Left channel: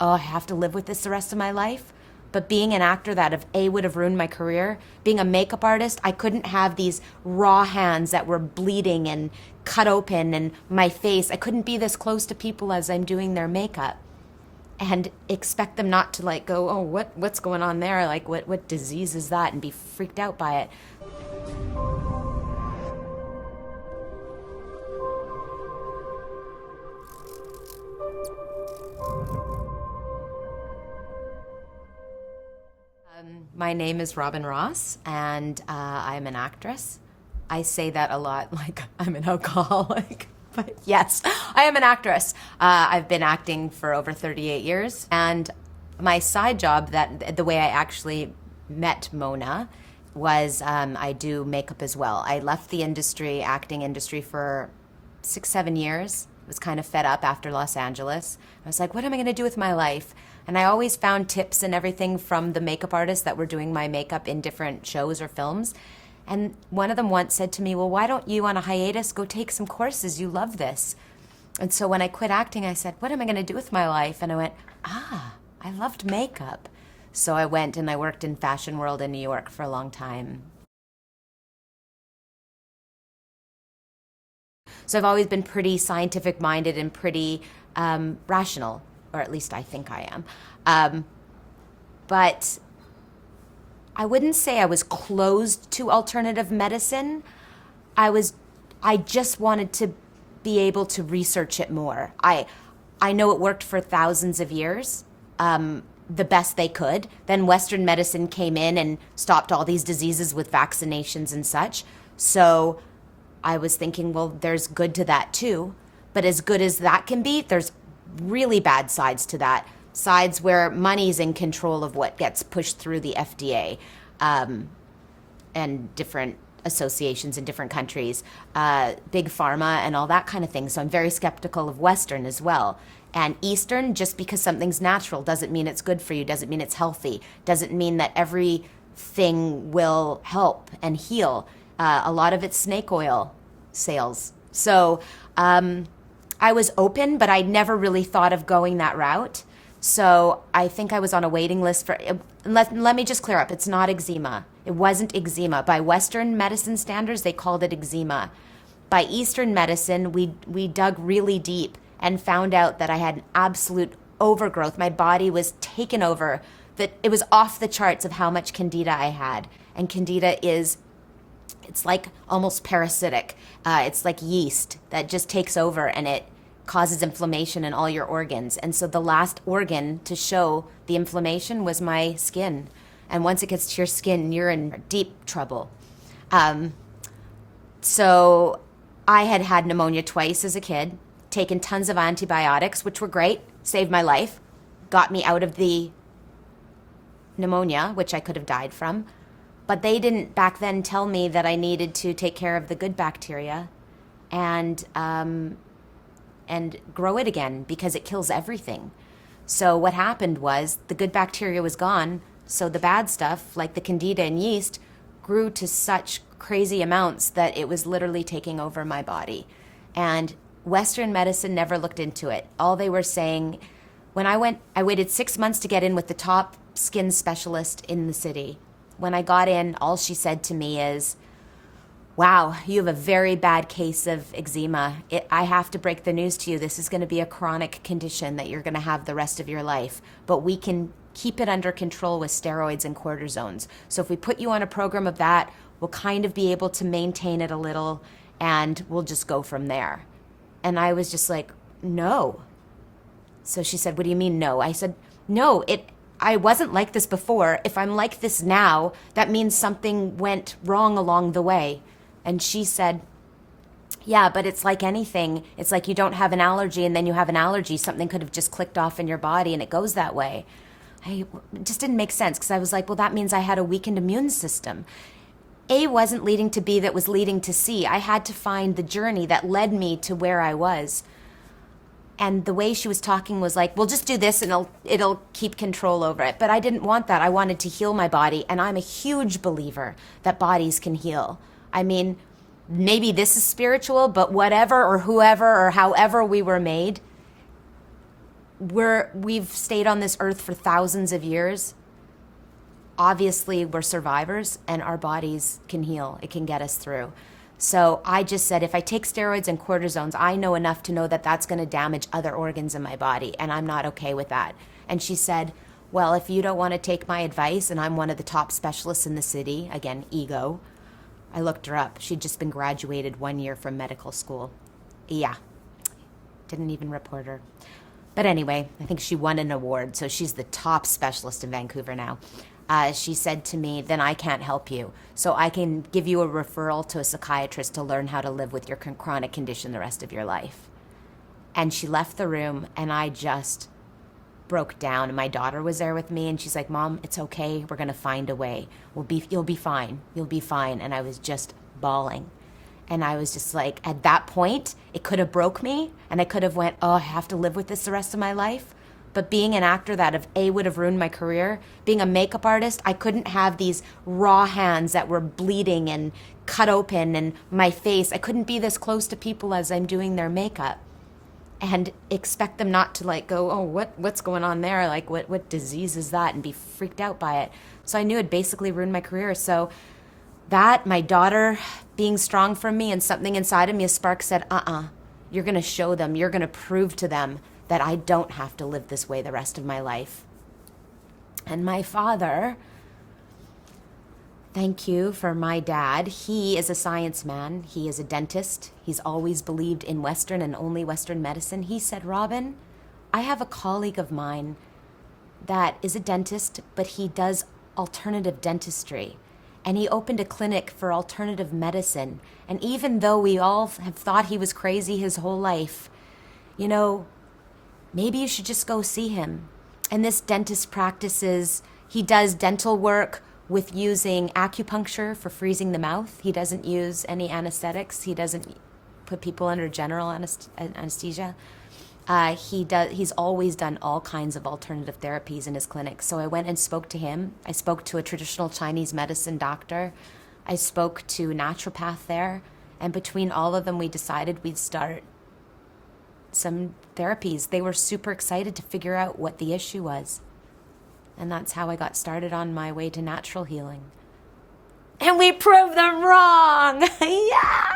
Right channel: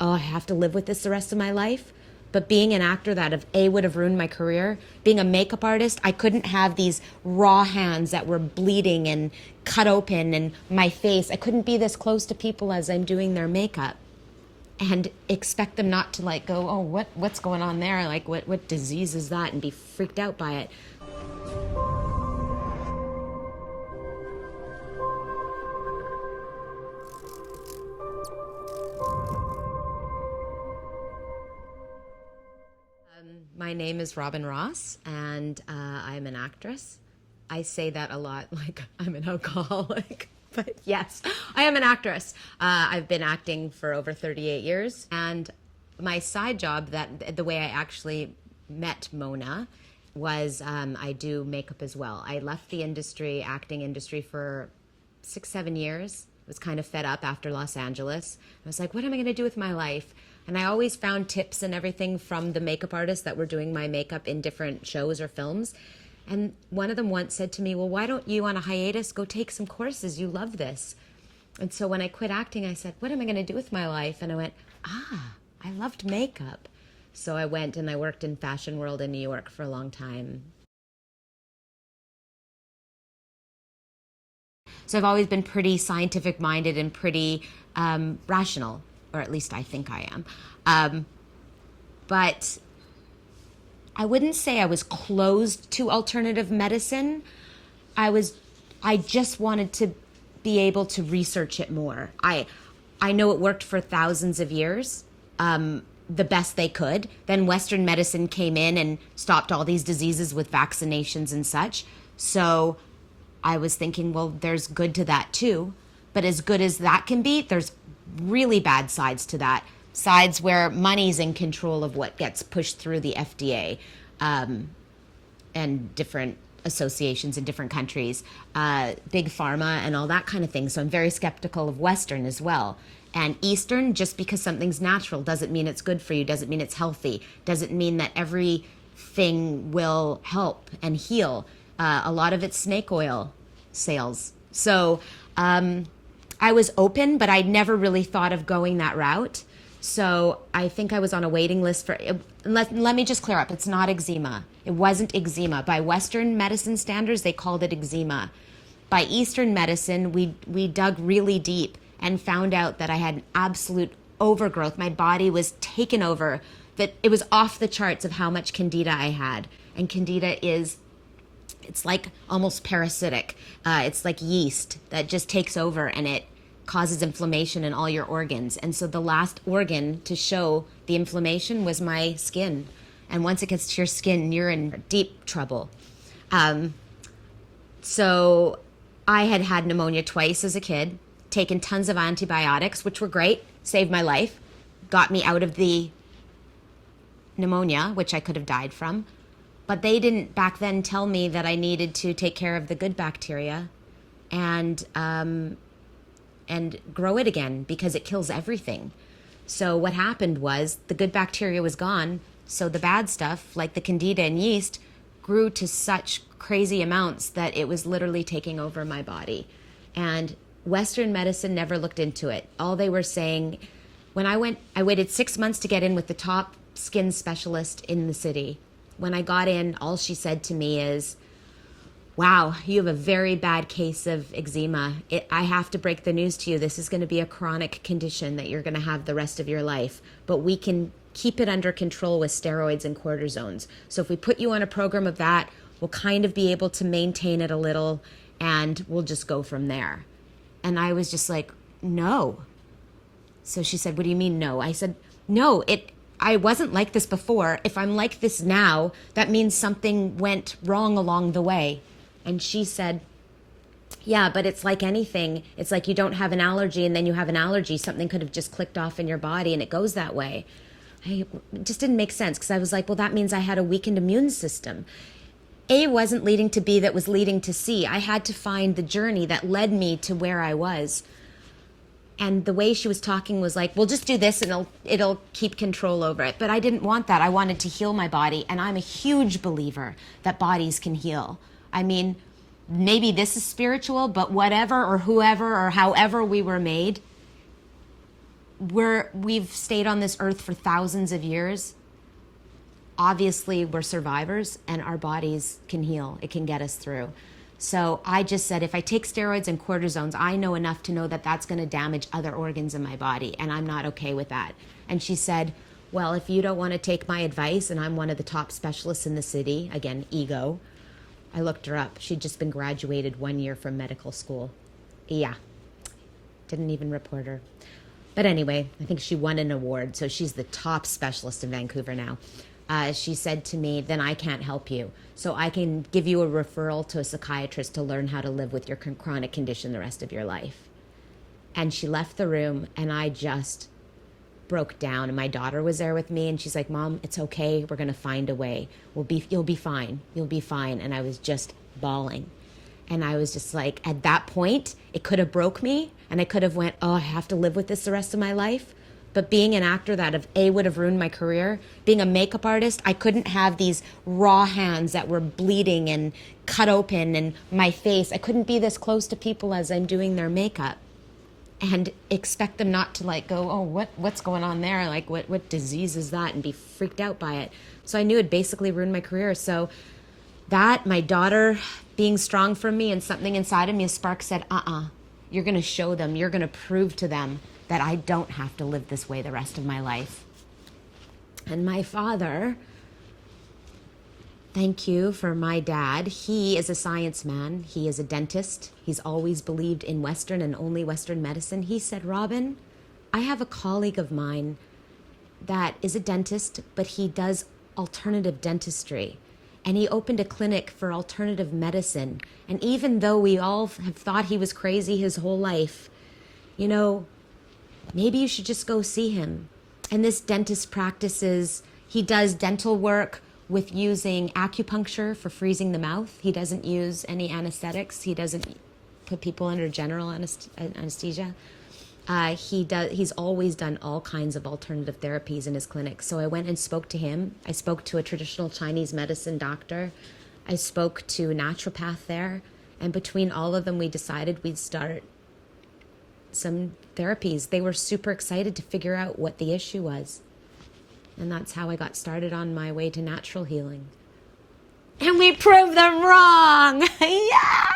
oh, I have to live with this the rest of my life. But being an actor, that would have ruined my career. Being a makeup artist, I couldn't have these raw hands that were bleeding and cut open, and my face. I couldn't be this close to people as I'm doing their makeup and expect them not to like go, oh, what's going on there? Like, what disease is that? And be freaked out by it. My name is Robyn Ross, and I'm an actress. I say that a lot, like I'm an alcoholic, but yes, I am an actress. I've been acting for over 38 years, and my side job, that the way I actually met Mona, was I do makeup as well. I left the industry, acting industry, for 6, 7 years. I was kind of fed up after Los Angeles. I was like, what am I going to do with my life? And I always found tips and everything from the makeup artists that were doing my makeup in different shows or films. And one of them once said to me, well, why don't you, on a hiatus, go take some courses? You love this. And so when I quit acting, I said, what am I going to do with my life? And I went, I loved makeup. So I went and I worked in Fashion World in New York for a long time. So I've always been pretty scientific minded and pretty rational, or at least I think I am. But I wouldn't say I was closed to alternative medicine. I just wanted to be able to research it more. I know it worked for thousands of years, the best they could. Then Western medicine came in and stopped all these diseases with vaccinations and such. So I was thinking, well, there's good to that too. But as good as that can be, there's really bad sides to that. Sides where money's in control of what gets pushed through the FDA, and different associations in different countries, big pharma and all that kind of thing. So I'm very skeptical of Western as well. And Eastern, just because something's natural doesn't mean it's good for you, doesn't mean it's healthy, doesn't mean that everything will help and heal. A lot of it's snake oil sales. So I was open, but I never really thought of going that route. So I think I was on a waiting list for, let me just clear up, it's not eczema. It wasn't eczema. By Western medicine standards, they called it eczema. By Eastern medicine, we dug really deep and found out that I had an absolute overgrowth. My body was taken over, that it was off the charts of how much candida I had. And candida it's like almost parasitic. It's like yeast that just takes over and it causes inflammation in all your organs. And so the last organ to show the inflammation was my skin. And once it gets to your skin, you're in deep trouble. So I had had pneumonia twice as a kid, taken tons of antibiotics, which were great, saved my life, got me out of the pneumonia, which I could have died from. But they didn't back then tell me that I needed to take care of the good bacteria and grow it again, because it kills everything. So what happened was the good bacteria was gone, so the bad stuff, like the candida and yeast, grew to such crazy amounts that it was literally taking over my body. And Western medicine never looked into it. All they were saying, when I waited 6 months to get in with the top skin specialist in the city. When I got in, all she said to me is, wow, you have a very bad case of eczema. I have to break the news to you. This is going to be a chronic condition that you're going to have the rest of your life. But we can keep it under control with steroids and cortisones. So if we put you on a program of that, we'll kind of be able to maintain it a little, and we'll just go from there. And I was just like, no. So she said, what do you mean no? I said, no, I wasn't like this before. If I'm like this now, that means something went wrong along the way. And she said, yeah, but it's like anything. It's like you don't have an allergy and then you have an allergy. Something could have just clicked off in your body and it goes that way. It just didn't make sense, because I was like, well, that means I had a weakened immune system. A wasn't leading to B, that was leading to C. I had to find the journey that led me to where I was. And the way she was talking was like, well, just do this and it'll keep control over it. But I didn't want that. I wanted to heal my body. And I'm a huge believer that bodies can heal. I mean, maybe this is spiritual, but whatever or whoever or however we were made, we've stayed on this earth for thousands of years. Obviously, we're survivors, and our bodies can heal. It can get us through. So I just said, if I take steroids and cortisones, I know enough to know that that's going to damage other organs in my body, and I'm not okay with that. And she said, well, if you don't want to take my advice, and I'm one of the top specialists in the city, again, ego. I looked her up. She'd just been graduated 1 year from medical school. Yeah. Didn't even report her. But anyway, I think she won an award, so she's the top specialist in Vancouver now. She said to me, then I can't help you. So I can give you a referral to a psychiatrist to learn how to live with your chronic condition the rest of your life. And she left the room, and I just broke down. And my daughter was there with me, and she's like, Mom, it's okay. We're going to find a way. You'll be fine. You'll be fine. And I was just bawling. And I was just like, at that point, it could have broke me, and I could have went, oh, I have to live with this the rest of my life. But being an actor, that would have ruined my career. Being a makeup artist, I couldn't have these raw hands that were bleeding and cut open, and my face. I couldn't be this close to people as I'm doing their makeup and expect them not to like go, oh, what's going on there? Like, what disease is that? And be freaked out by it. So I knew it basically ruined my career. So that, my daughter being strong from me, and something inside of me, a spark said, you're going to show them, you're going to prove to them that I don't have to live this way the rest of my life. And my father, thank you for my dad. He is a science man. He is a dentist. He's always believed in Western and only Western medicine. He said, Robyn, I have a colleague of mine that is a dentist, but he does alternative dentistry. And he opened a clinic for alternative medicine. And even though we all have thought he was crazy his whole life, you know, maybe you should just go see him. And this dentist he does dental work with using acupuncture for freezing the mouth. He doesn't use any anesthetics. He doesn't put people under general anesthesia. He's always done all kinds of alternative therapies in his clinic. So I went and spoke to him. I spoke to a traditional Chinese medicine doctor. I spoke to a naturopath there. And between all of them, we decided we'd start some therapies. They were super excited to figure out what the issue was. And that's how I got started on my way to natural healing. And we proved them wrong! Yeah!